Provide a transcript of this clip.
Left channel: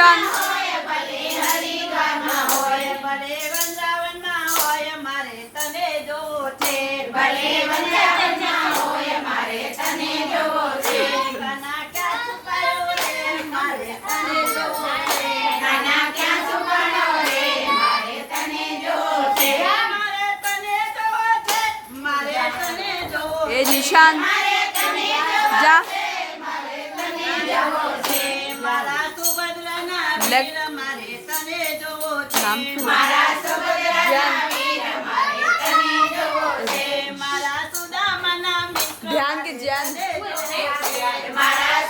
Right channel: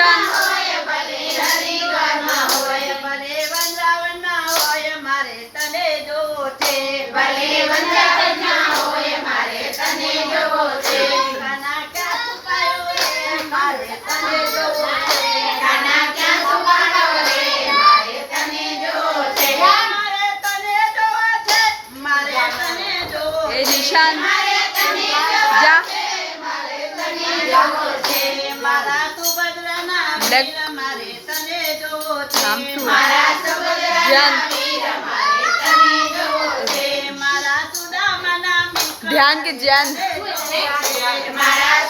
Function ભલે મારે તને જો છે ભલે વંદાવનમાં સુભદ્રાના લગ- વીર મારે તને જોવો છે નામ શું? મારા સબદરા ધ્યાન. વીર મારે તને જોવો છે મારા સુદામાના મિત્ર ધ્યાન કે ધ્યાન મારા